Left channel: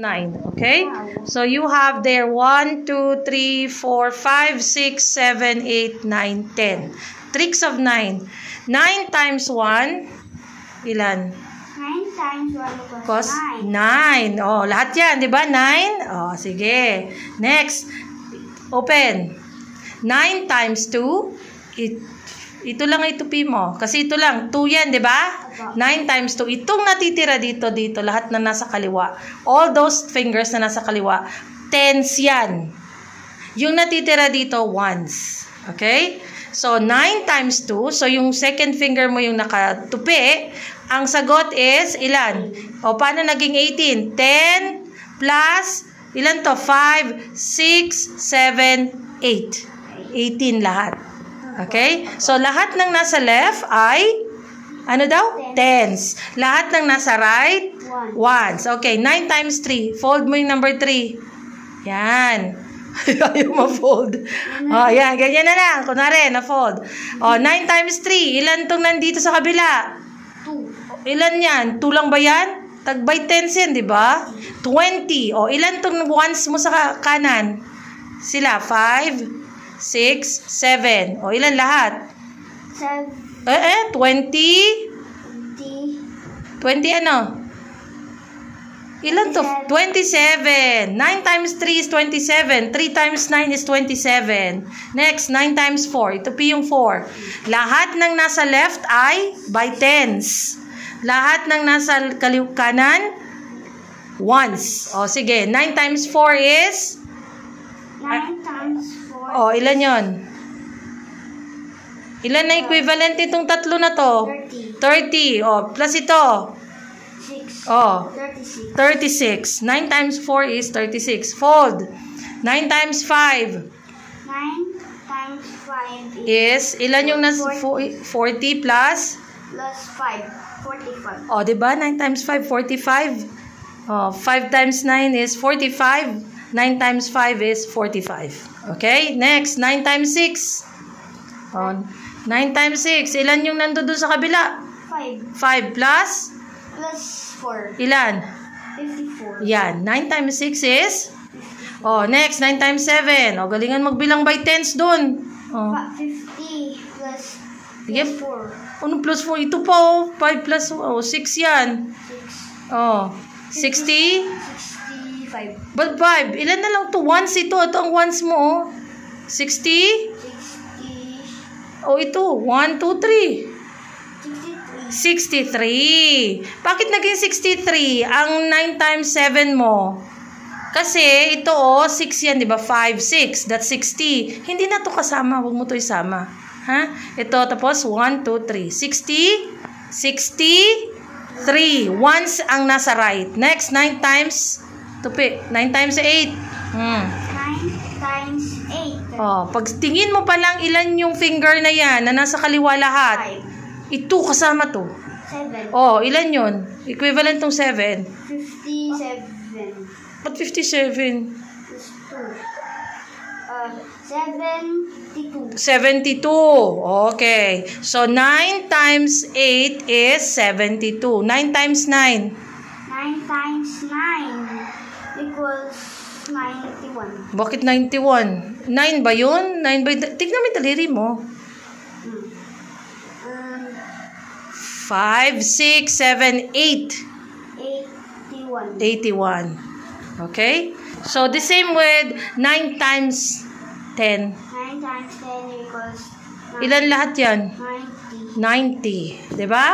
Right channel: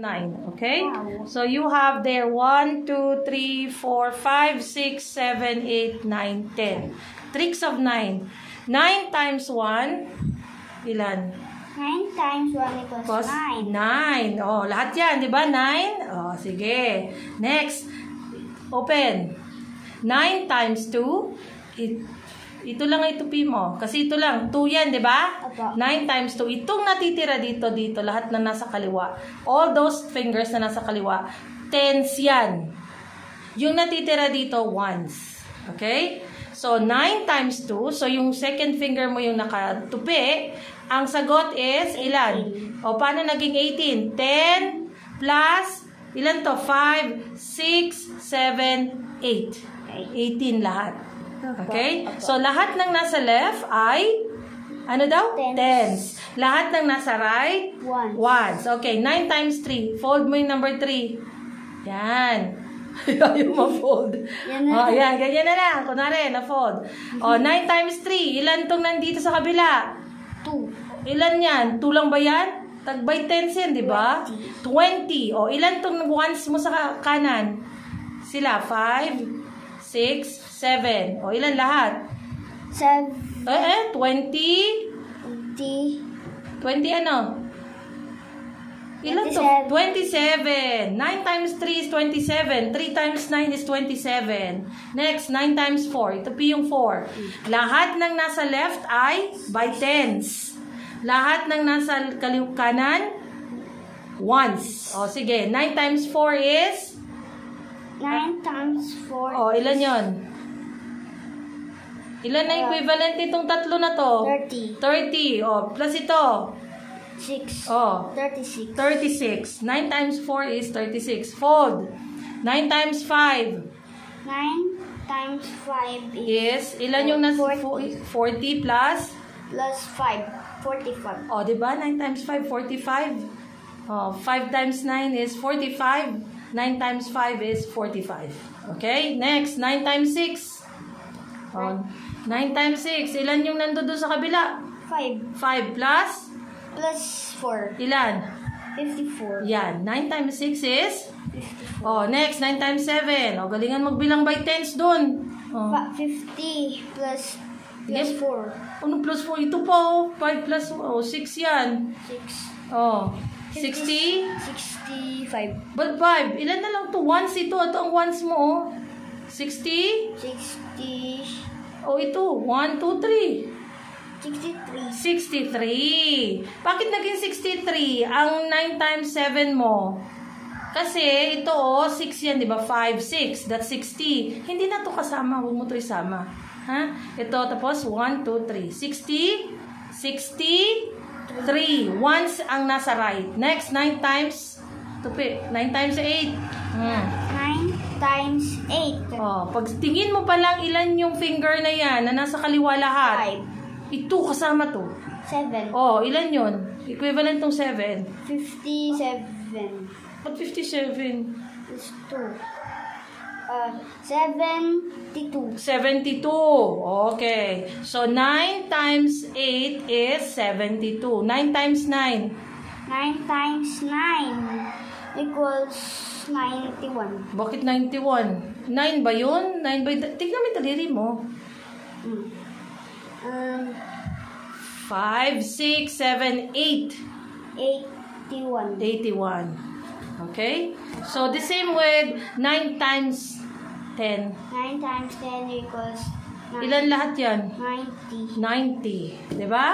9. Okay? So you have there 1, 2, 3, 4, 5, 6, 7, 8, 9, 10. Tricks of 9. 9 times 1, ilan? 9 times 1 equals 9. Oh, lahat yan, di ba? 9? Oh, sige. Next. Open. 9 times 2, ito lang itupi mo. Kasi ito lang. 2 yan, di ba? 9 times 2. Itong natitira dito, lahat na nasa kaliwa. All those fingers na nasa kaliwa, tens yan. Yung natitira dito, ones. Okay? So, 9 times 2. So, yung second finger mo yung nakatupi. Ang sagot is, ilan? O, paano naging 18? 10 plus, ilan to? 5, 6, 7, 8. 18 lahat. Okay? So, lahat ng nasa left ay, ano daw? Tens. Lahat ng nasa right? Ones. Okay, 9 times 3. Fold mo yung number 3. Yan. Ayaw ma-fold. Oh, yan. Ganyan na lang. Kunwari, na-fold. Oh, 9 times 3. Ilan tong nandito sa kabila? 2. Ilan yan? 2 lang ba yan? Tagbay tens yan, di ba? 20. Oh, ilan tong ones mo sa kanan? Sila, 5, 6, 7. O, ilan lahat? 7. 20? 20 ano? Ilan to? 27. 9 times 3 is 27. 3 times 9 is 27. Next, 9 times 4. Ito p yung 4. Lahat ng nasa left ay by tens. Lahat ng nasa kanan, ones. O, sige. 9 times 4 is? 9 times 4. Oh, ilan yon? Ilan na equivalent itong tatlo na to? 30. 30. Oh, plus ito. 6. Oh, 36. 36. 9 times 4 is 36. Fold. 9 times 5 9 times 5 is, ilan yung nasa 40 plus? Plus 5. 45. Oh, diba? 9 times 5, 45. Oh, 5 times 9 is 45. 9 times 5 is 45. Okay? Next, 9 times 6. Oh, 9 times 6. Ilan yung nandun doon sa kabila? 5. 5 plus? Plus 4. Ilan? 54. Yan. 9 times 6 is? Oh, next, 9 times 7. Oh, galingan magbilang by tens doon. Oh. 50 plus 4. Ano plus 4? Ito po. 5 plus 6 yan. 6. Oh. 60? 65. But 5. Ilan na lang to? Ones ito. Ito ang ones mo. Oh. 60? 60. Oh, ito. 1, 2, 3. 63. 63. Bakit naging 63? Ang 9 times 7 mo. Kasi ito, 6 yan, di ba? 5, 6. That's 60. Hindi na to kasama. Huwag mo to isama. Ha? Ito, tapos 1, 2, 3. 60. 63. Once ang nasa right. Next, 9 times, tupi, 9 times 8. 9 times 8. Oh, pag tingin mo pa lang ilan yung finger na yan na nasa kaliwa lahat. 5. Ito, kasama to. 7. Oh, ilan yun? Equivalent tong 7. 57. Ba't 57? Plus 2. 72. 72. Okay. So, 9 times 8 is 72. 9 times 9. 9 times 9 equals 91. Bakit 91? 9 ba yun? 9 ba? Tignan mo yung daliri mo. 5, 6, 7, 8. 81. 81. Okay? So, the same with 9 times 10. 9 times 10 equals 9. Ilan lahat yan? 90. 90. Diba?